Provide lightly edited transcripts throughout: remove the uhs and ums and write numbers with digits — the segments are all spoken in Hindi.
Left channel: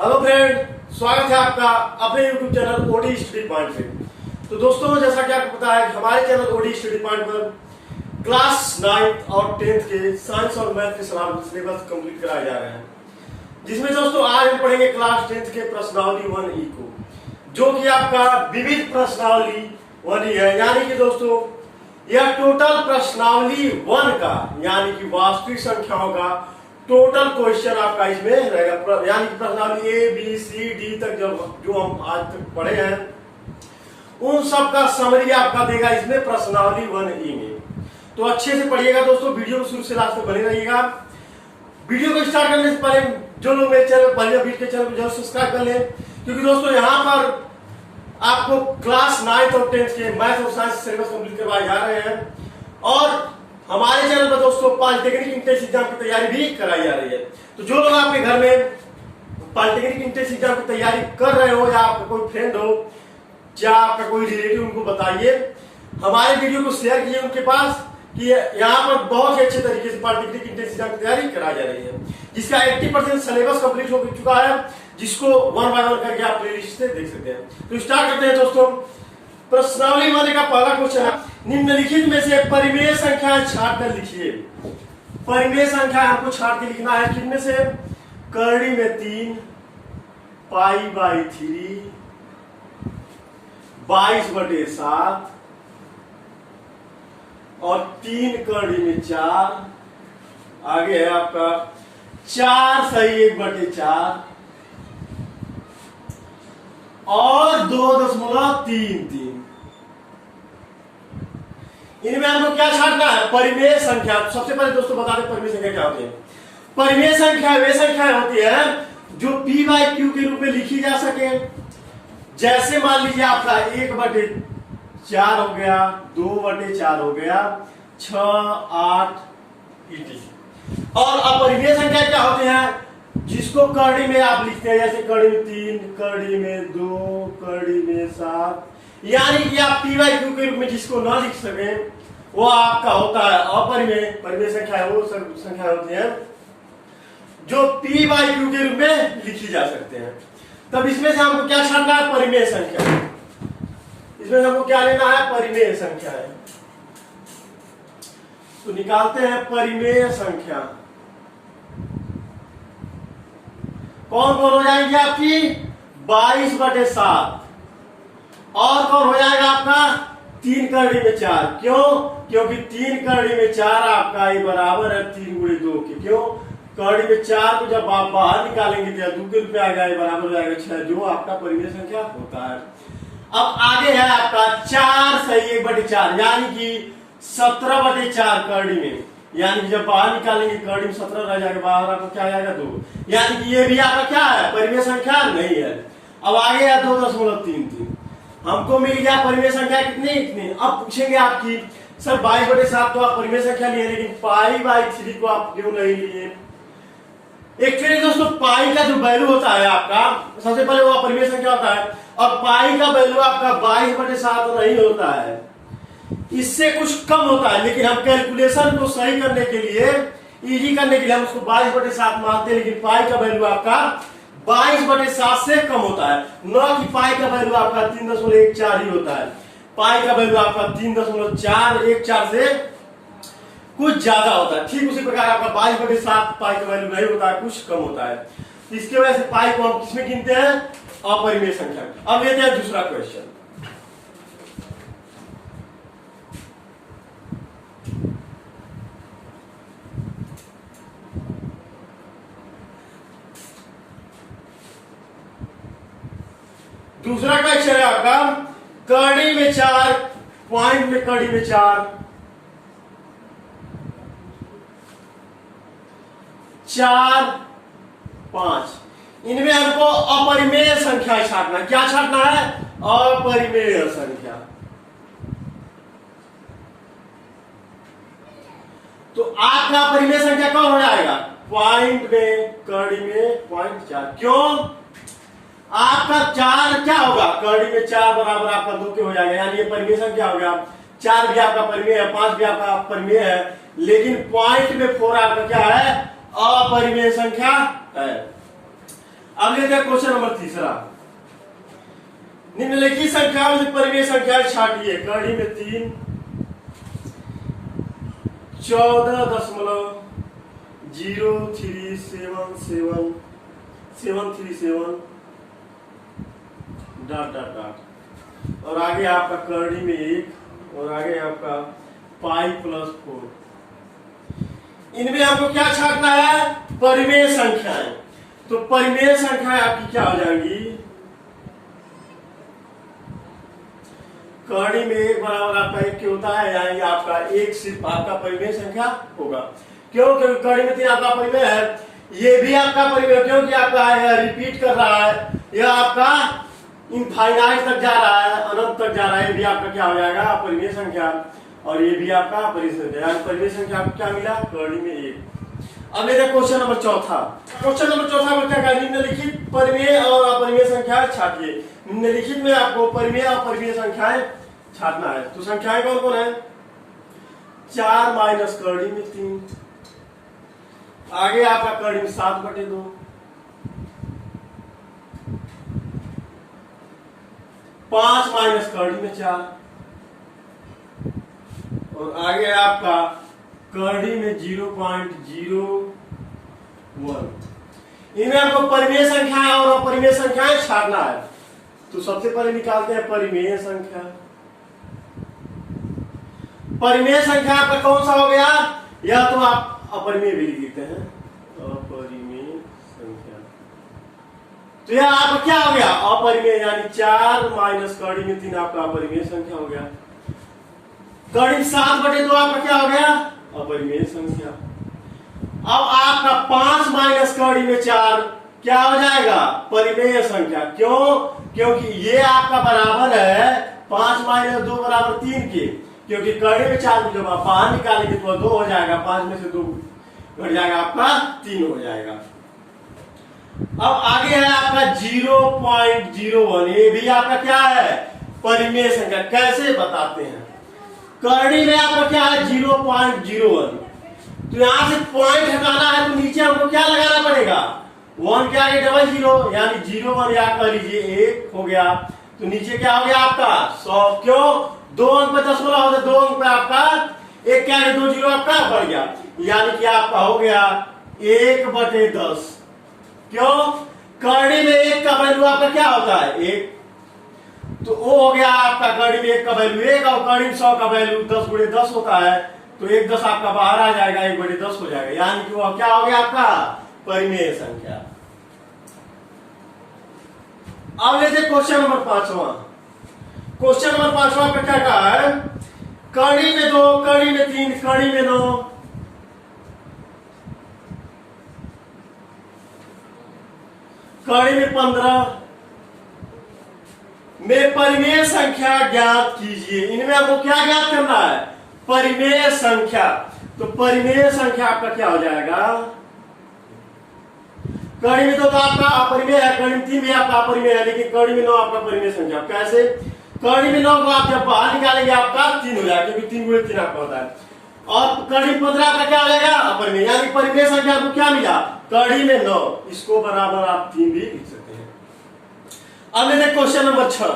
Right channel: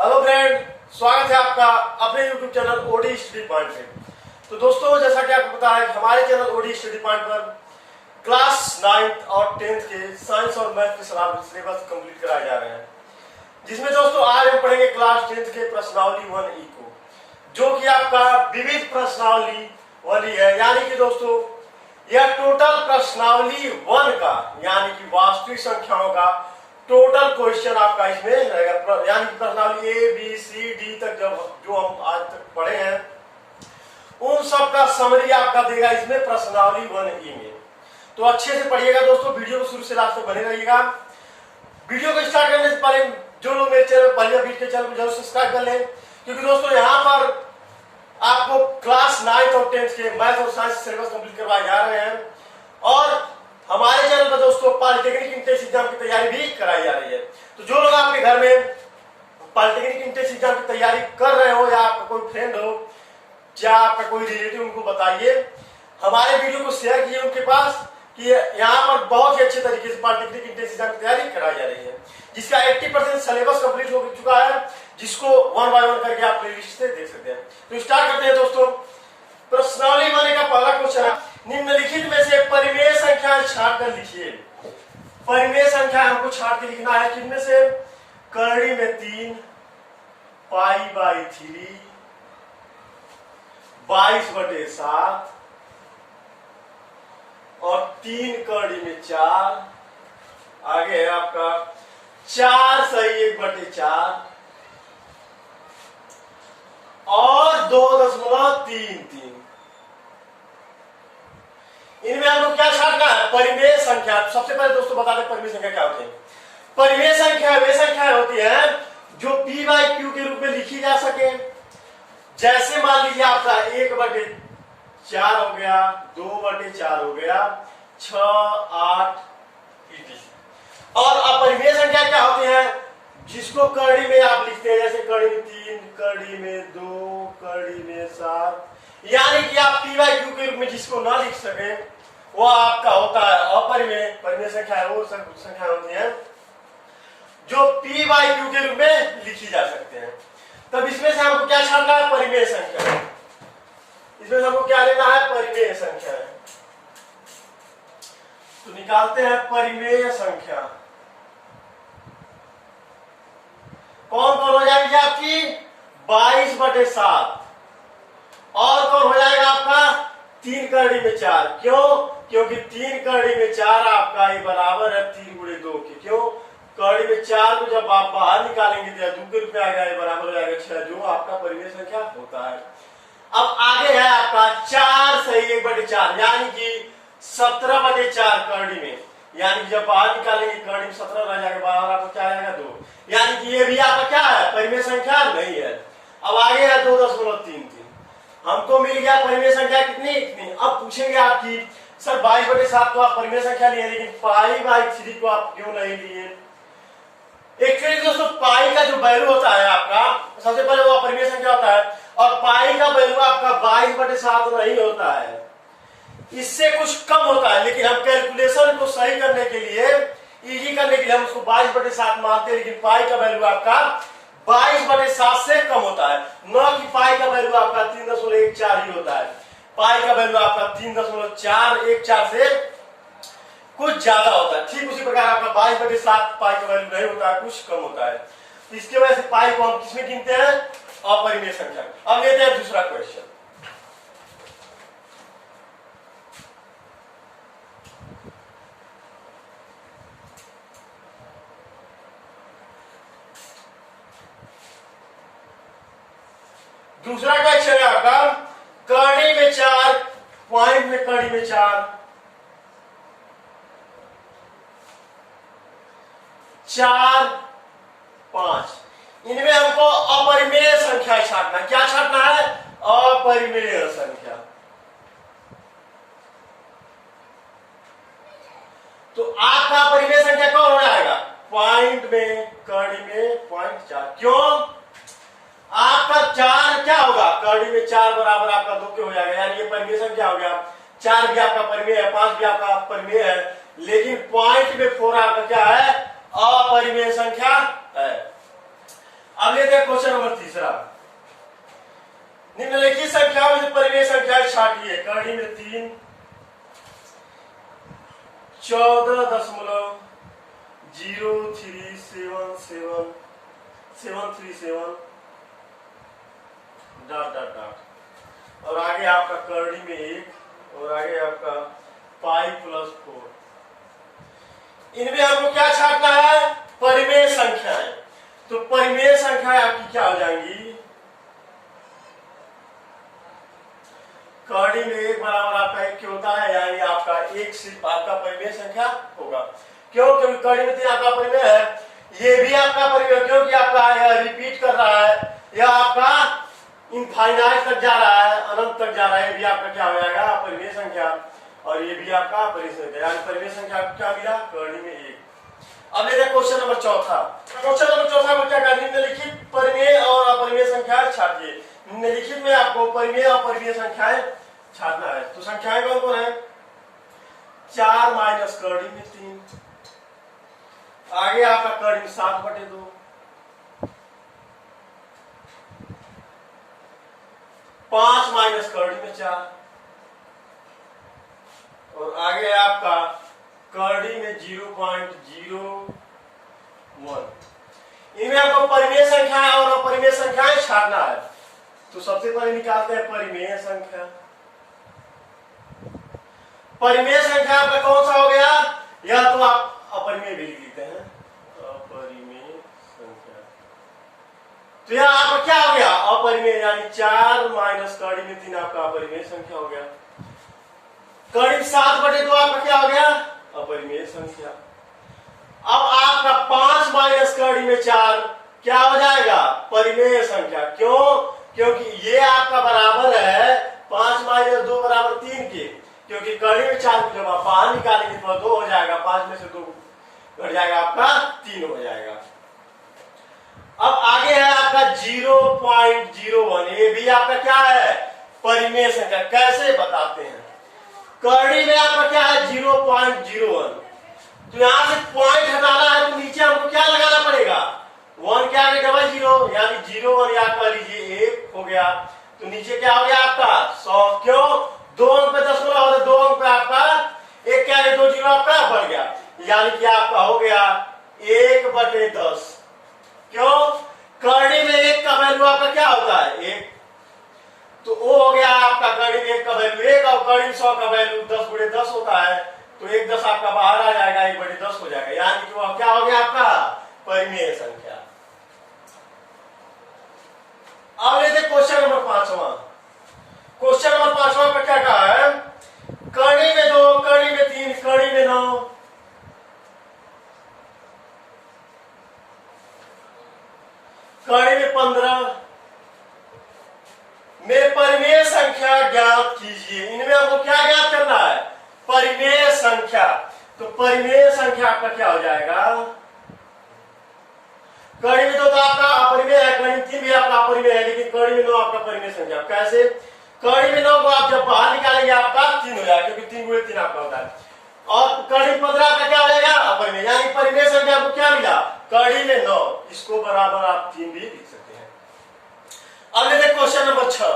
हेलो फ्रेंड, स्वागत है आपका अपने YouTube channel OD study point पे। तो दोस्तों, जैसा कि आपको पता है कि हमारे चैनल ओडी स्टडी पॉइंट पर क्लास 9th और 10th के साइंस और मैथ के सिलेबस कंप्लीट कराए जा रहे हैं, जिसमें दोस्तों आज हम पढ़ेंगे क्लास 10th के प्रश्नावली 1E को, जो कि आपका विविध प्रश्नावली 1E है। यानी कि दोस्तों यह टोटल प्रश्नावली 1 का यानी कि वास्तविक संख्याओं का टोटल क्वेश्चन आपका इसमें रहेगा। यानी कि प्रश्नावली ए बी सी डी तक जो हम आज तक पढ़े हैं उन सब का समरी आपका देगा इसमें प्रश्नावली 1E में। तो अच्छे से पढ़िएगा दोस्तों, वीडियो को शुरू से लास्ट तक बने रहिएगा। वीडियो को स्टार्ट करने से पहले जो लोग मेरे चैनल पहले बीच के चैनल को जरूर सब्सक्राइब कर लें, क्योंकि दोस्तों यहाँ पर आपको क्लास 9th और 10th के मैथ और साइंस सिलेबस कंप्लीट करवाए जा रहे हैं। और हमारे चैनल पर दोस्तों पॉलिटेक्निक इंट्रेंस एग्जाम की तैयारी भी कराई जा रही है। तो जो लोग आपके घर में पॉलिटेक्निक इंट्रेंस एग्जाम की तैयारी कर रहे हो, या आपका कोई फ्रेंड हो या आपका कोई रिलेटिव, उनको बताइए, हमारे वीडियो को शेयर कीजिए उनके पास कि यहाँ पर बहुत ही अच्छे तरीके से पॉलिटेक्निक इंट्रेंस एग्जाम की तैयारी कराई जा रही है, जिसका 80% सिलेबस कंप्लीट हो चुका है, जिसको 1 by 1 करके आप प्लेलिस्ट से देख सकते हैं। तो स्टार्ट करते हैं दोस्तों। प्रश्नावली वाले का पहला क्वेश्चन है, निम्नलिखित में से परिमेय संख्या छाट कर लिखिए। परिमेय संख्या हमको छाट के लिखना है, किनमें से? करड़ी में 3, π/3, 22/7 और 3 करड़ी में 4। आगे है आपका 4 सही 1/4 और 2.33। इनमें हमको क्या छाटना है? परिमेय संख्या। सबसे पहले दोस्तों बता दें परिमेय संख्या क्या होती है। परिमेय संख्या वे संख्याएं होती है जो p/q के रूप में लिखी जा सके। जैसे मान लीजिए आपका 1/4 हो गया, 2/4 हो गया, 6, 8 etc। और अपरिमेय संख्या क्या होती है? जिसको करड़ी में आप लिखते हैं, जैसे करड़ी में 3, करड़ी में 2, करड़ी में 7। यानी कि आप p/q के रूप में जिसको ना लिख सके वो आपका होता है अपरिमेय। परिमेय संख्या वो संख्या होती है जो p/q के रूप में लिखी जा सकते हैं। तब इसमें से हमको क्या छाटना है? परिमेय संख्या। इसमें हमको क्या लेना है? परिमेय संख्या है। तो निकालते हैं परिमेय संख्या। कौन कौन हो जाएगी आपकी? 22/7 और कौन हो जाएगा आपका? 3 करड़ी में 4। क्यों? क्योंकि 3 करड़ी में 4 आपका ये बराबर है 3 × 2 के। क्यों? करड़ी में 4 को जब आप बाहर निकालेंगे तो 2 के रूप में आ जाएगा, बराबर हो जाएगा 6, जो आपका परिमेय संख्या होता है। अब आगे है आपका 4 सही 1/4, यानी कि 17/4 करड़ी में। यानी कि जब बाहर निकालेंगे करड़ी में 17 रह जाएगा, बाहर आपको क्या आ जाएगा? 2। यानी कि ये भी आपका क्या है? परिमेय संख्या नहीं है। अब आगे है 2.33। हमको मिल गया परिमेय संख्या कितनी? इतनी। अब पूछेंगे आपकी सर 22/7 तो आप परिमेय संख्या लिए, लेकिन π/3 को आप क्यों नहीं लिए? एक्चुअली दोस्तों पाई का जो वैल्यू होता है आपका, सबसे पहले वो परिमेय संख्या होता है, और पाई का वैल्यू आपका 22/7 नहीं होता है, इससे कुछ कम होता है। लेकिन हम कैलकुलेशन को सही करने के लिए, इजी करने के लिए हम उसको 22/7 मानते हैं, लेकिन पाई का वैल्यू आपका 22/7 से कम होता है। न कि पाई का वैल्यू आपका 3.14 ही होता है। पाई का वैल्यू आपका 3.414 से कुछ ज्यादा होता है। ठीक उसी प्रकार आपका 22/7 पाई का वैल्यू नहीं होता है, कुछ कम होता है। इसकी वजह से पाई को हम किसमें गिनते हैं? अपरिमेय संख्या। अब लेते हैं दूसरा क्वेश्चन। दूसरा क्वेश्चन है आपका करड़ी में 4, पॉइंट में करड़ी में 4, 4, 5। इनमें हमको अपरिमेय संख्या छाटना है। क्या छाटना है? अपरिमेय संख्या। तो आपका परिमेय संख्या कौन हो जाएगा? पॉइंट में करड़ी में 0.4। क्यों? आपका 4 क्या होगा? करड़ी में 4 बराबर आपका 2 के हो जाएगा, यानी ये परिमेय संख्या हो गया। 4 भी आपका परिमेय है, 5 भी आपका परिमेय है, लेकिन पॉइंट में 4 आपका क्या है? अपरिमेय संख्या है। अब लेते हैं क्वेश्चन नंबर तीसरा। निम्नलिखित संख्याओं में परिमेय संख्याएं छांटिए। कड़ी में 3, 14.0377737 डॉट डॉट डॉट, और आगे आपका करड़ी में 1 और आगे आपका पाई प्लस 4। इनमें हमको क्या छांटना है? परिमेय संख्याएं। तो परिमेय संख्याएं आपकी क्या हो जाएंगी? करड़ी में 1 बराबर आपका 1 क्यों होता है, यानी आपका 1 सिर्फ आपका परिमेय संख्या होगा। क्यों? क्योंकि करड़ी में 3 आपका परिमेय है, ये भी आपका परिमेय, क्योंकि आपका रिपीट कर रहा है, यह आपका इनफाइनाइट तक जा रहा है, अनंत तक जा रहा है, ये भी आपका क्या हो जाएगा? परिमेय संख्या। और ये भी आपका परिमेय संख्या, यानी परिमेय संख्या आपको क्या मिला? करड़ी में 1। अब लेते हैं क्वेश्चन नंबर चौथा। क्वेश्चन नंबर चौथा को क्या कहते हैं? निम्नलिखित परिमेय और अपरिमेय संख्याएं छांटिए। निम्नलिखित में आपको परिमेय और अपरिमेय संख्याएं छांटना है। तो संख्याएं कौन कौन है? 4 माइनस करड़ी में 3, आगे आपका करड़ी में 7/2, 5 माइनस करड़ी में 4, और आगे आपका करड़ी में 0.01। इनमें आपको परिमेय संख्या और अपरिमेय संख्याएं छाटना है। तो सबसे पहले निकालते हैं परिमेय संख्या। परिमेय संख्या आपका कौन सा हो गया? या तो आप अपरिमेय भी लिख देते हैं, अपरिमेय संख्या। तो यह आपका क्या हो गया? अपरिमेय, यानी 4 माइनस करड़ी में 3 आपका अपरिमेय संख्या हो गया। करड़ी 7/2 आपका क्या हो गया? अपरिमेय संख्या। अब आपका 5 माइनस करड़ी में 4 क्या हो जाएगा? परिमेय संख्या। क्यों? क्योंकि ये आपका बराबर है 5 माइनस 2 बराबर 3 के, क्योंकि करड़ी में 4 को जब आप बाहर निकालेंगे तो 2 हो जाएगा, 5 में से 2 घट जाएगा, आपका 3 हो जाएगा। अब आगे है आपका 0.01, ये भी आपका क्या है? परिमेय संख्या। कैसे बताते हैं? करड़ी में आपका क्या है? 0.01। तो यहां से पॉइंट हटाना है तो नीचे हमको क्या लगाना पड़ेगा? 1 के आगे डबल 0, यानी 0 या कर लीजिए 1 हो गया। तो नीचे क्या हो गया आपका? 100। क्यों? 2 अंक पे 10 होता है, 2 अंक पे आपका 1 के आगे 2 0 आपका बढ़ गया, यानी कि आपका हो गया 1/10। क्यों? करड़ी में 1 का वैल्यू आपका क्या होता है? 1। तो वो हो गया आपका करड़ी में 1 का वैल्यू 1, और करड़ी में 100 का वैल्यू 10 × 10 होता है, तो 1 10 आपका बाहर आ जाएगा, 1/10 हो जाएगा, यानी कि वो क्या हो गया आपका? परिमेय संख्या। अब लेते क्वेश्चन नंबर 5वां। क्वेश्चन नंबर 5वां पे क्या कहा है? करड़ी में 2, करड़ी में 3, करड़ी में 9, करड़ी में 15 में परिमेय संख्या ज्ञात कीजिए। इनमें आपको क्या ज्ञात करना है? परिमेय संख्या। तो परिमेय संख्या आपका क्या हो जाएगा? करड़ी में 2 तो आपका अपरिमेय है, करड़ी में 3 भी आपका अपरिमेय है, लेकिन करड़ी में 9 आपका परिमेय संख्या। कैसे? करड़ी में 9 को आप जब बाहर निकालेंगे आपका 3 हो जाएगा, क्योंकि 3 × 3 आपका होता है। और करड़ी में 15 आपका क्या हो जाएगा? अपरिमेय, यानी परिमेय संख्या आपको क्या मिला? करड़ी में 9, इसको बराबर आप 3 भी लिख सकते हैं। अब लेते क्वेश्चन नंबर 6।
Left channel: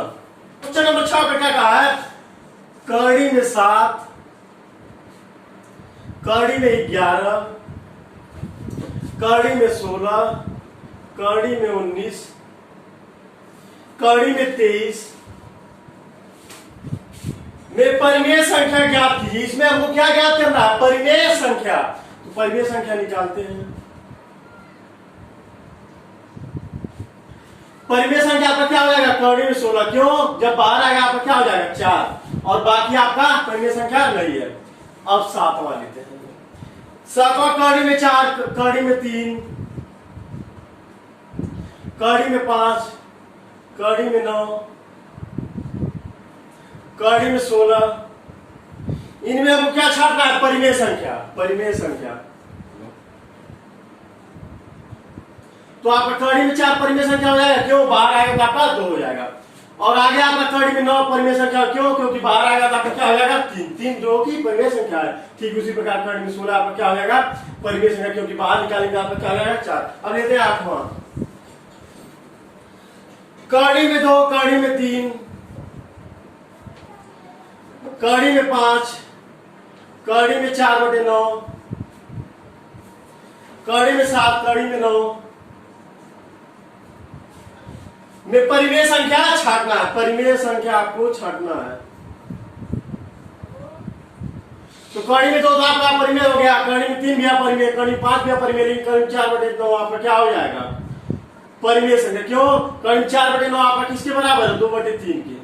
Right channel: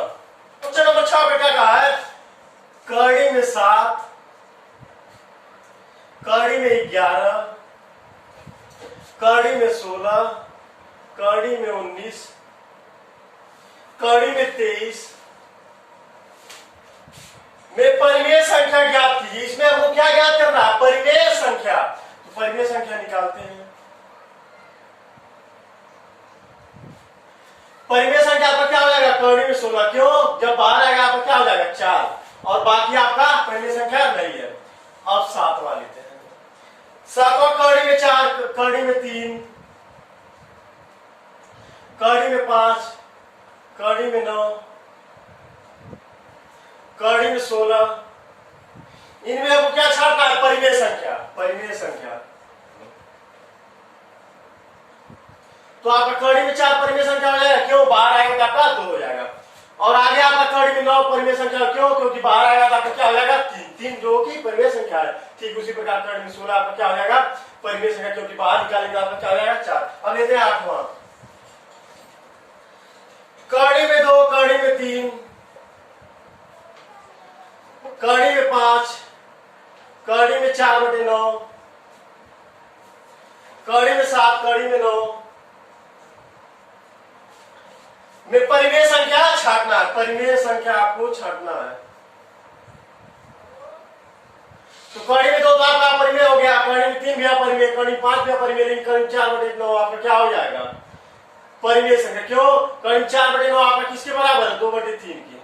क्वेश्चन नंबर 6 पे क्या कहा है? करड़ी में 7, करड़ी में 11, करड़ी में 16, करड़ी में 19, करड़ी में 23 में परिमेय संख्या ज्ञात कीजिए। इसमें हमको क्या ज्ञात करना है? परिमेय संख्या। तो परिमेय संख्या निकालते हैं। परिमेय संख्या आपका क्या हो जाएगा? करड़ी में 16। क्यों? जब बाहर आएगा आपका क्या हो जाएगा? 4, और बाकी आपका परिमेय संख्या नहीं है। अब 7वां लेते हैं। 7वां करड़ी में 4, करड़ी में 3, करड़ी में 5, करड़ी में 9, करड़ी में 16। इनमें आपको क्या छाटना है? परिमेय संख्या। परिमेय संख्या। तो आपका करड़ी में 4 परिमेय संख्या हो जाएगा। क्यों? बाहर आएगा तो आपका 2 हो जाएगा। और आगे आपका करड़ी में 9 परिमेय संख्या। क्यों? क्योंकि बाहर आएगा तो आपका क्या हो जाएगा? 3 जो कि परिमेय संख्या है। ठीक उसी प्रकार करड़ी में 16 आपका क्या हो जाएगा? परिमेय संख्या, क्योंकि बाहर निकालेंगे आपका क्या हो जाएगा? 4। अब लेते हैं 8वां। कड़ी में 2, कड़ी में 3, कड़ी में 5, कड़ी में 4/9, कड़ी में 7, कड़ी में 9 में परिमेय संख्या छांटना है। परिमेय संख्या आपको छांटना है। तो कड़ी में 2 तो आपका परिमेय हो गया, कड़ी में 3 भी परिमेय, कड़ी में 5 भी परिमेय, लेकिन कड़ी में 4/9 आपका क्या हो जाएगा? परिमेय संख्या। क्यों? कड़ी में 4/9 आपका किसके बराबर है? 2/3 के।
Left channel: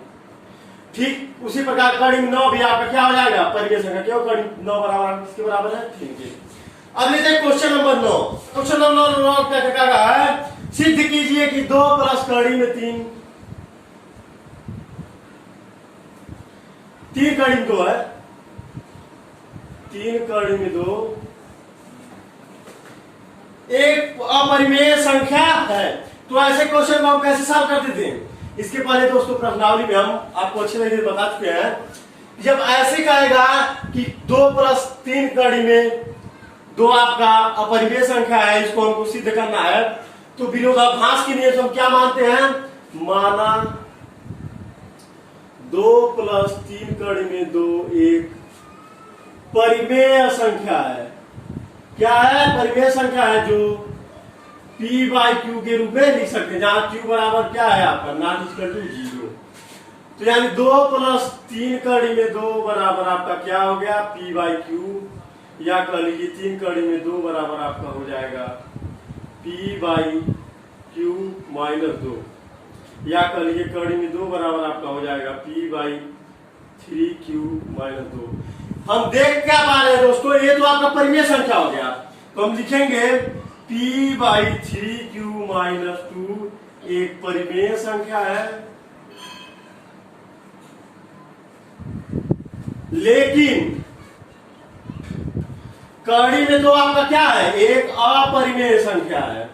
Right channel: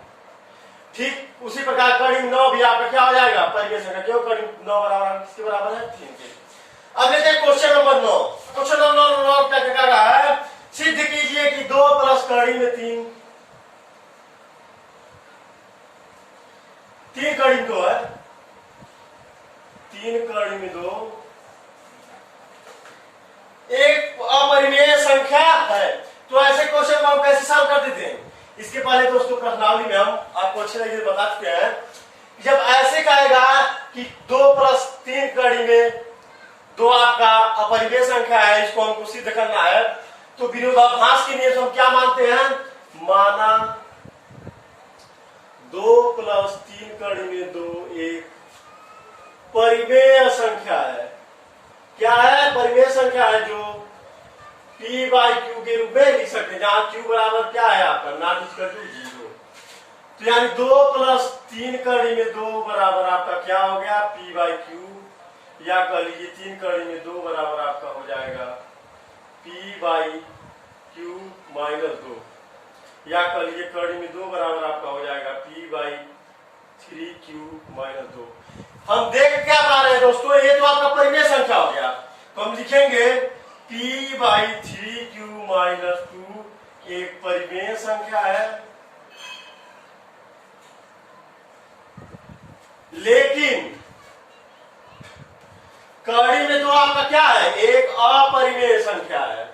ठीक उसी प्रकार कड़ी में 9 भी आपका क्या हो जाएगा? परिमेय संख्या। क्यों? कड़ी में 9 बराबर किसके बराबर है? 3 के। अब लेते हैं क्वेश्चन नंबर 9। क्वेश्चन नंबर 9 क्या कह रहा है? सिद्ध कीजिए कि 2 प्लस कड़ी में 3, 3 कड़ी में 2 है, 3 कड़ी में 2 एक अपरिमेय संख्या है। तो ऐसे क्वेश्चन को हम कैसे सॉल्व करते थे? इसके पहले दोस्तों प्रश्नावली में हम आपको अच्छे तरीके से बता चुके हैं। जब ऐसे कहेगा कि 2 प्लस 3 कड़ी में 2 आपका अपरिमेय संख्या है, इसको हमको सिद्ध करना है, तो विरोधाभास के नियम से हम क्या मानते हैं? माना 2 प्लस 3 कड़ी में 2 एक परिमेय संख्या है। क्या है? परिमेय संख्या है, जो p/q के रूप में लिख सकते हैं, जहां q बराबर क्या है आपका? Not equal to 0। तो यानी 2 प्लस 3 कड़ी में 2 बराबर आपका क्या हो गया? p/q, या कह लीजिए 3 कड़ी में 2 बराबर आपका हो जाएगा p/q माइनस 2, या कह लीजिए कड़ी में 2 बराबर आपका हो जाएगा p/3q माइनस 2। हम देख क्या पा रहे हैं दोस्तों? ये तो आपका परिमेय संख्या हो गया, तो हम लिखेंगे p/3q माइनस 2 एक परिमेय संख्या है, लेकिन कड़ी में तो आपका क्या है? एक अपरिमेय संख्या है।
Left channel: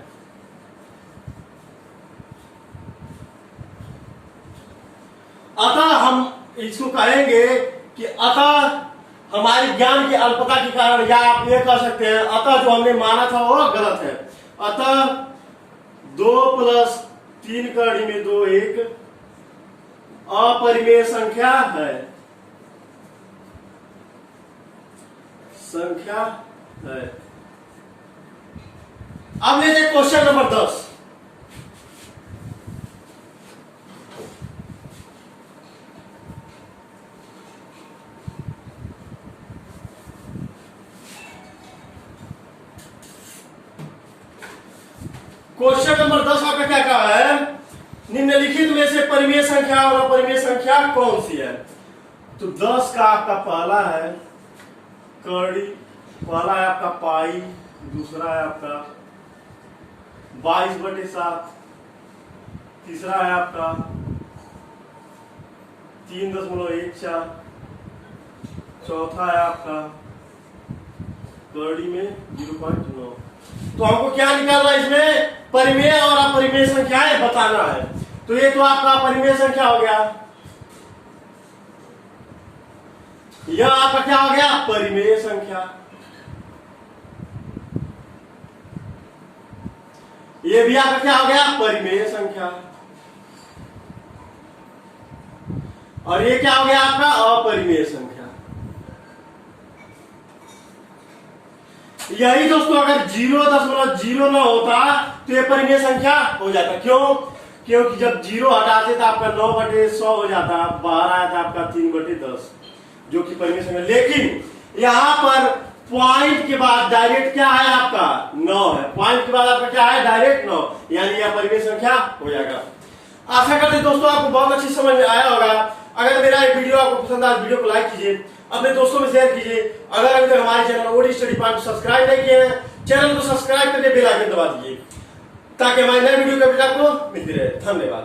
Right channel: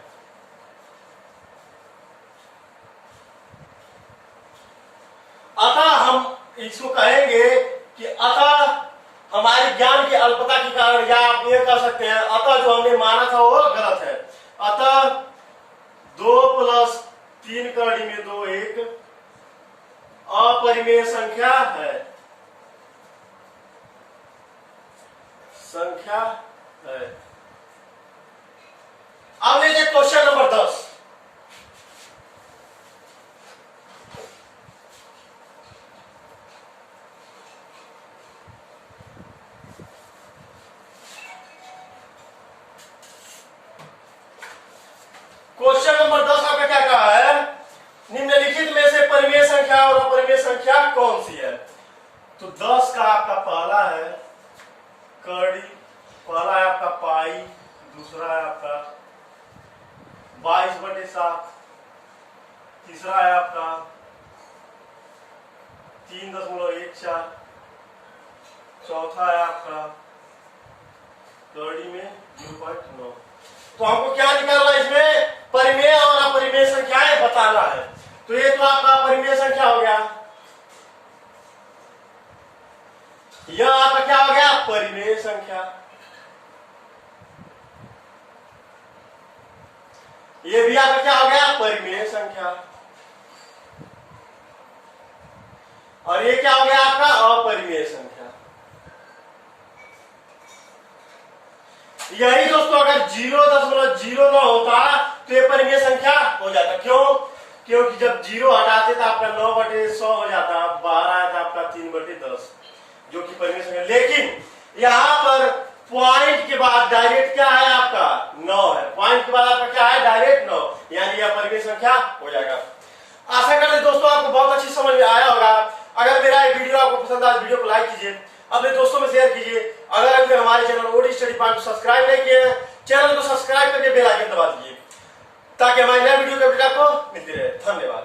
अतः हम इसको कहेंगे कि अतः हमारी ज्ञान की अल्पता के कारण, या आप ये कह सकते हैं अतः जो हमने माना था वो गलत है। अतः 2 प्लस 3 कड़ी में 2 एक अपरिमेय संख्या है, संख्या है। अब लेते हैं क्वेश्चन नंबर 10। क्वेश्चन नंबर 10 आपने क्या कहा है? निम्नलिखित में से परिमेय संख्या और अपरिमेय संख्या कौन सी है? तो 10 का आपका पहला है कड़ी, पहला है आपका पाई, दूसरा है आपका 22/7, तीसरा है आपका 3.14, चौथा है आपका कड़ी में 0.9। तो हमको क्या निकालना है? इसमें परिमेय और अपरिमेय संख्याएं बताना है। तो ये तो आपका अपरिमेय संख्या हो गया, यह आपका क्या हो गया? परिमेय संख्या। ये भी आपका क्या हो गया? परिमेय संख्या। और ये क्या हो गया? आपका अपरिमेय संख्या। यही दोस्तों अगर 0.09 होता तो ये परिमेय संख्या हो जाता। क्यों? क्योंकि जब 0 हटाते तो आपका 9/100 हो जाता, बाहर आया था आपका 3/10, जो कि परिमेय संख्या। लेकिन यहां पर पॉइंट के बाद डायरेक्ट क्या है? आपका 9 है। पॉइंट के बाद आपका क्या है? डायरेक्ट 9, यानी यह परिमेय संख्या हो जाएगा। आशा करते हैं दोस्तों आपको बहुत अच्छी समझ में आया होगा। अगर मेरा ये वीडियो आपको पसंद आया, वीडियो को लाइक कीजिए, अपने दोस्तों में शेयर कीजिए। अगर अभी तक हमारे चैनल ओडी स्टडी पॉइंट को सब्सक्राइब नहीं किए हैं, चैनल को सब्सक्राइब करके बेल आइकन दबा दीजिए, ताकि हमारे नए वीडियो के अपडेट आपको मिलती रहे। धन्यवाद।